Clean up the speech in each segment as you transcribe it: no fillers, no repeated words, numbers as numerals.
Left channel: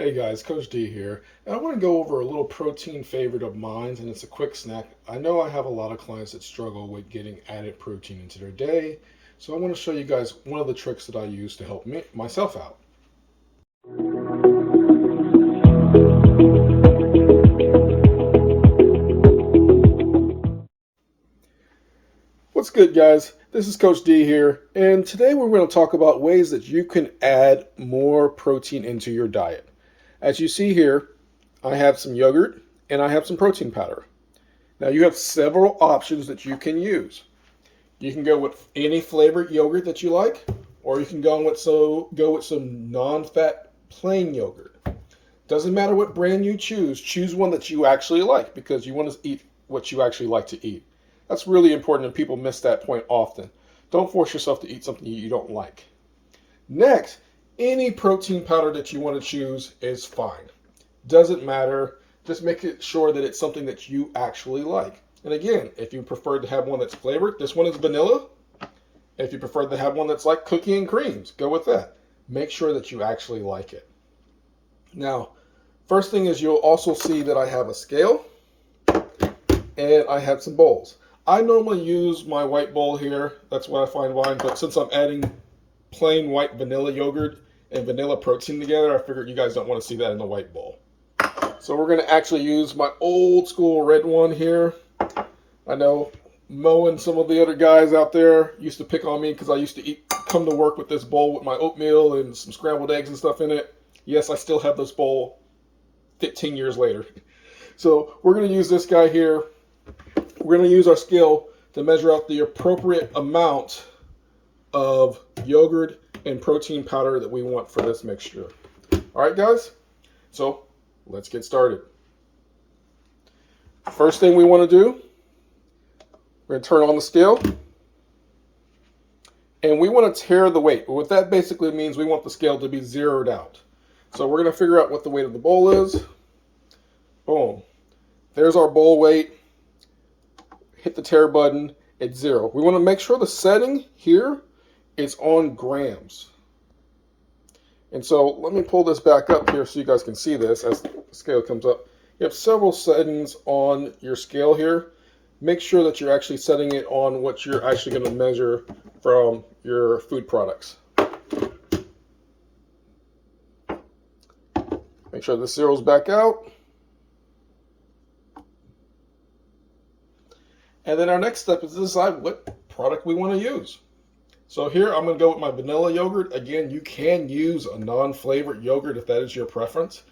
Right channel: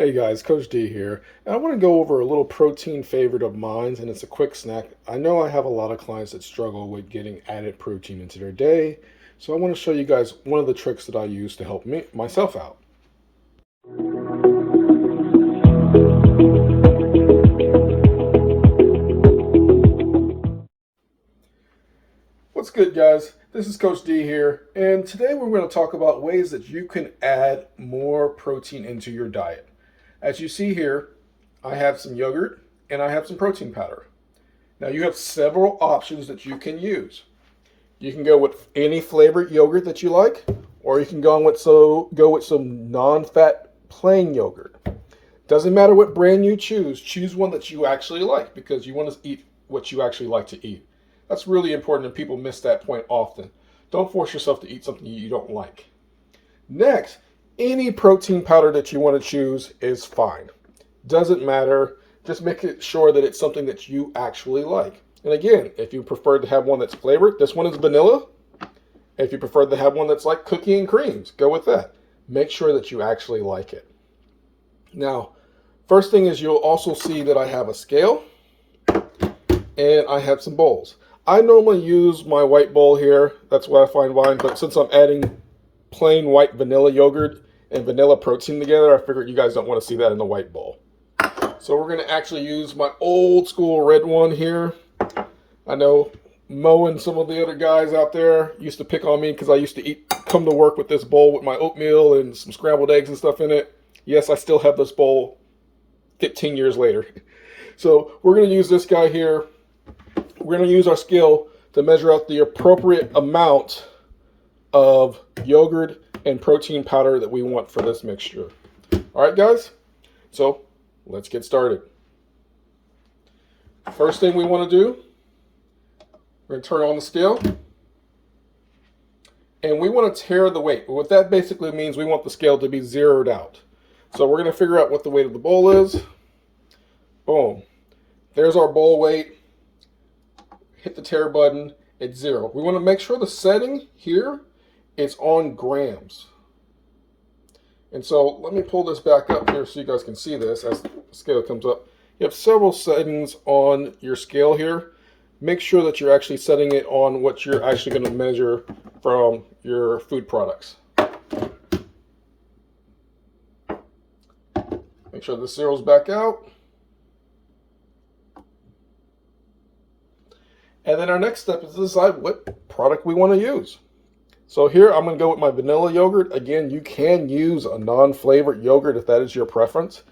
Hey guys, Coach D here, and I want to go over a little protein favorite of mine, and it's a quick snack. I know I have a lot of clients that struggle with getting added protein into their day, so I want to show you guys one of the tricks that I use to help myself out. What's good, guys? This is Coach D here, and today we're going to talk about ways that you can add more protein into your diet. As you see here, I have some yogurt and I have some protein powder. Now you have several options that you can use. You can go with any flavored yogurt that you like, or you can go with some non-fat plain yogurt. Doesn't matter what brand you choose. Choose one that you actually like because you want to eat what you actually like to eat. That's really important, and people miss that point often. Don't force yourself to eat something you don't like. Next, any protein powder that you want to choose is fine. Doesn't matter. Just make it sure that it's something that you actually like. And again, if you prefer to have one that's flavored, this one is vanilla. If you prefer to have one that's like cookie and creams, go with that. Make sure that you actually like it. Now, first thing is you'll also see that I have a scale and I have some bowls. I normally use my white bowl here. That's what I find fine. But since I'm adding plain white vanilla yogurt and vanilla protein together, I figured you guys don't want to see that in the white bowl. So we're going to actually use my old school red one here. I know Mo and some of the other guys out there used to pick on me because I used to come to work with this bowl with my oatmeal and some scrambled eggs and stuff in it. Yes, I still have this bowl 15 years later. So we're going to use this guy here. We're going to use our scale to measure out the appropriate amount of yogurt and protein powder that we want for this mixture. All right, guys? So let's get started. First thing we want to do, we're going to turn on the scale. And we want to tare the weight. What that basically means, we want the scale to be zeroed out. So we're going to figure out what the weight of the bowl is. Boom. There's our bowl weight. Hit the tare button. It's 0. We want to make sure the setting here is on grams. And so let me pull this back up here so you guys can see this as the scale comes up. You have several settings on your scale here. Make sure that you're actually setting it on what you're actually going to measure from your food products. Make sure the zero's back out. And then our next step is to decide what product we want to use. So here I'm going to go with my vanilla yogurt. Again, you can use a non-flavored yogurt if that is your preference.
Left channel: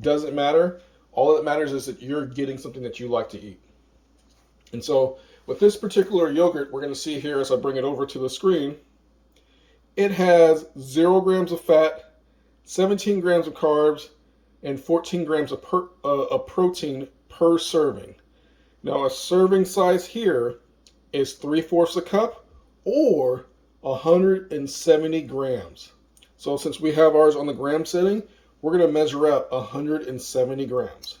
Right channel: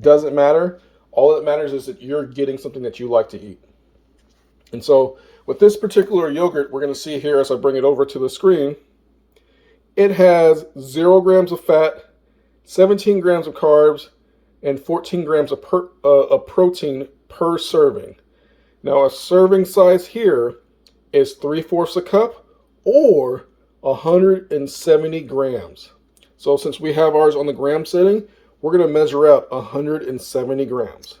Doesn't matter. All that matters is that you're getting something that you like to eat. And so with this particular yogurt, we're going to see here as I bring it over to the screen, it has 0 grams of fat, 17 grams of carbs, and 14 grams of protein per serving. Now a serving size here is 3/4 a cup or 170 grams. So since we have ours on the gram setting, we're going to measure out 170 grams.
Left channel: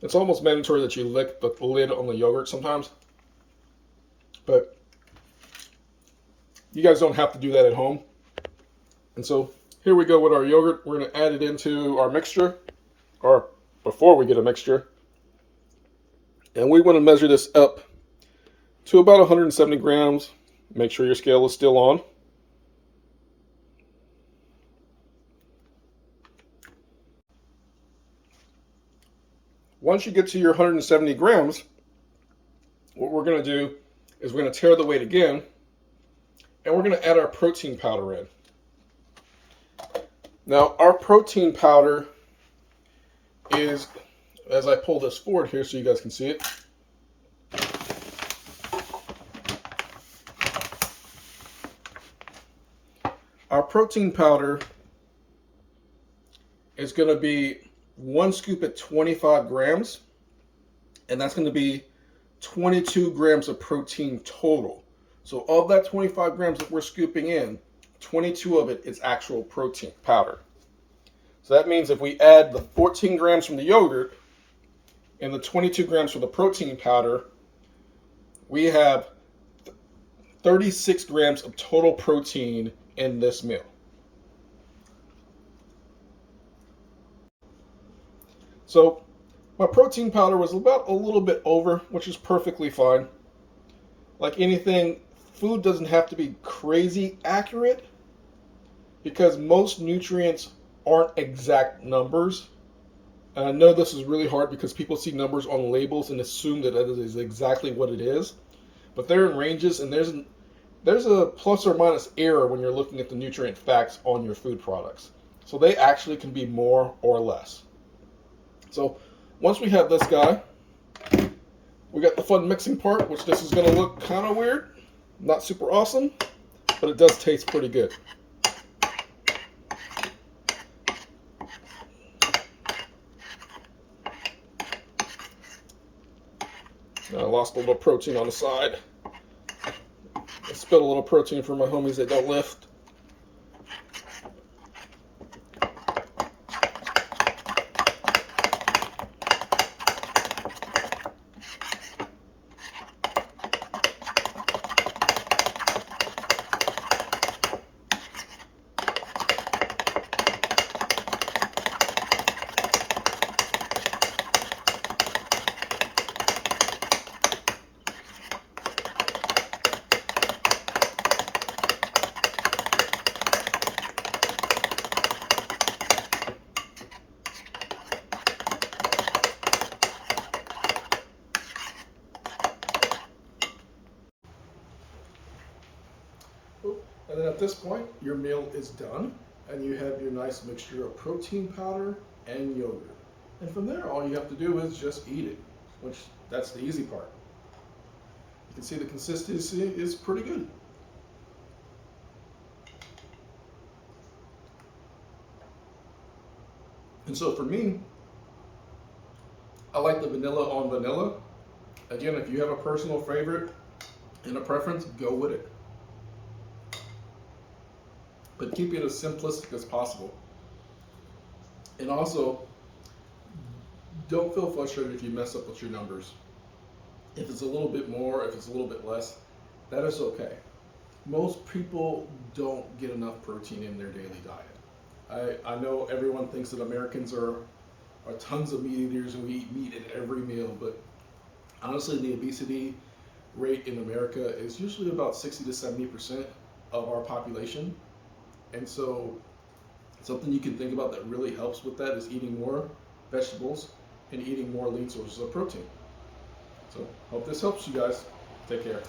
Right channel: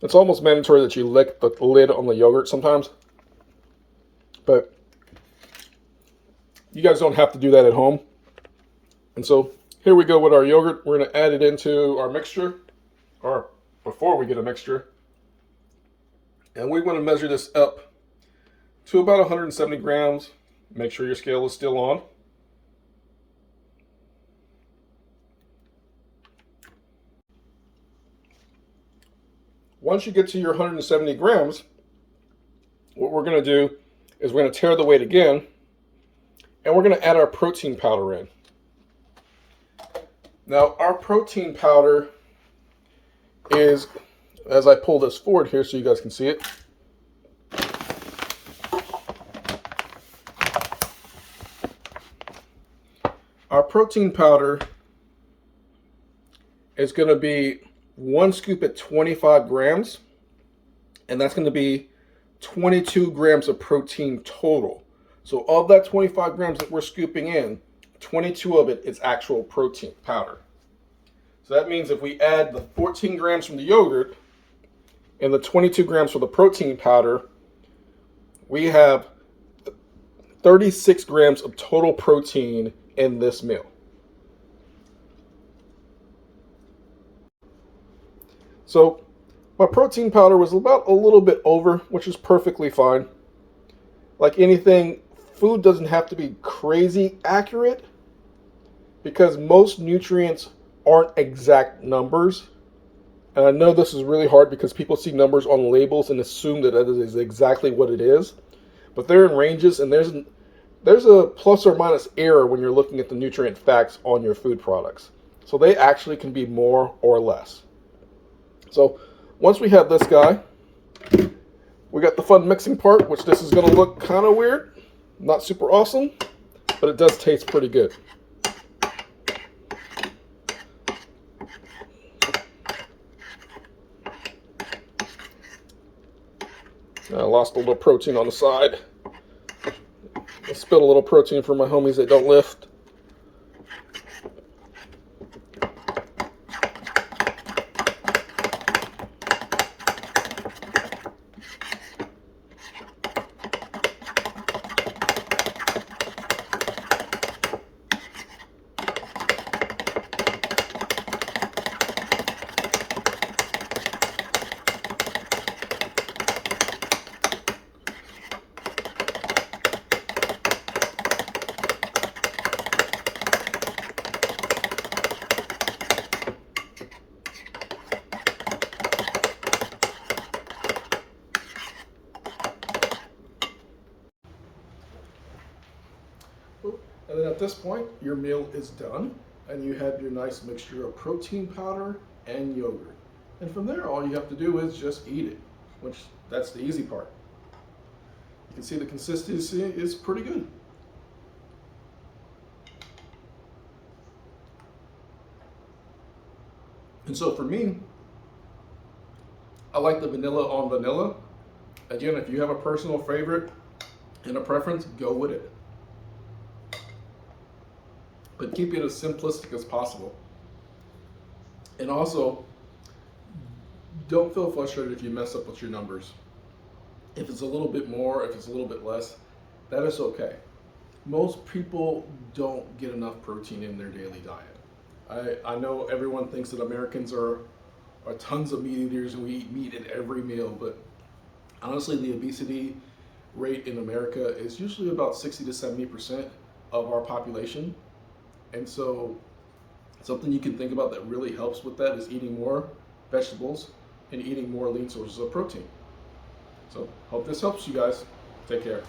It's almost mandatory that you lick the lid on the yogurt sometimes, but you guys don't have to do that at home. And so here we go with our yogurt. We're going to add it into our mixture, or before we get a mixture. And we want to measure this up to about 170 grams. Make sure your scale is still on. Once you get to your 170 grams, what we're going to do is we're going to tare the weight again, and we're going to add our protein powder in. Now, our protein powder is, as I pull this forward here so you guys can see it, our protein powder is going to be 1 scoop at 25 grams, and that's going to be 22 grams of protein total. So of that 25 grams that we're scooping in, 22 of it is actual protein powder. So that means if we add the 14 grams from the yogurt and the 22 grams for the protein powder, we have 36 grams of total protein in this meal. So my protein powder was about a little bit over, which is perfectly fine. Like anything, food doesn't have to be crazy accurate because most nutrients aren't exact numbers. And I know this is really hard because people see numbers on labels and assume that that is exactly what it is. But they're in ranges, and there's a plus or minus error when you're looking at the nutrient facts on your food products. So they actually can be more or less. So once we have this guy, we got the fun mixing part, which this is going to look kind of weird. Not super awesome, but it does taste pretty good. I lost a little protein on the side. I spilled a little protein for my homies that don't lift. And then at this point, your meal is done, and you have your nice mixture of protein powder and yogurt. And from there, all you have to do is just eat it, which that's the easy part. You can see the consistency is pretty good. And so for me, I like the vanilla on vanilla. Again, if you have a personal favorite and a preference, go with it. But keep it as simplistic as possible. And also, don't feel frustrated if you mess up with your numbers. If it's a little bit more, if it's a little bit less, that is okay. Most people don't get enough protein in their daily diet. I know everyone thinks that Americans are tons of meat eaters and we eat meat at every meal, but honestly, the obesity rate in America is usually about 60 to 70% of our population. And so something you can think about that really helps with that is eating more vegetables and eating more lean sources of protein. So hope this helps you guys. Take care.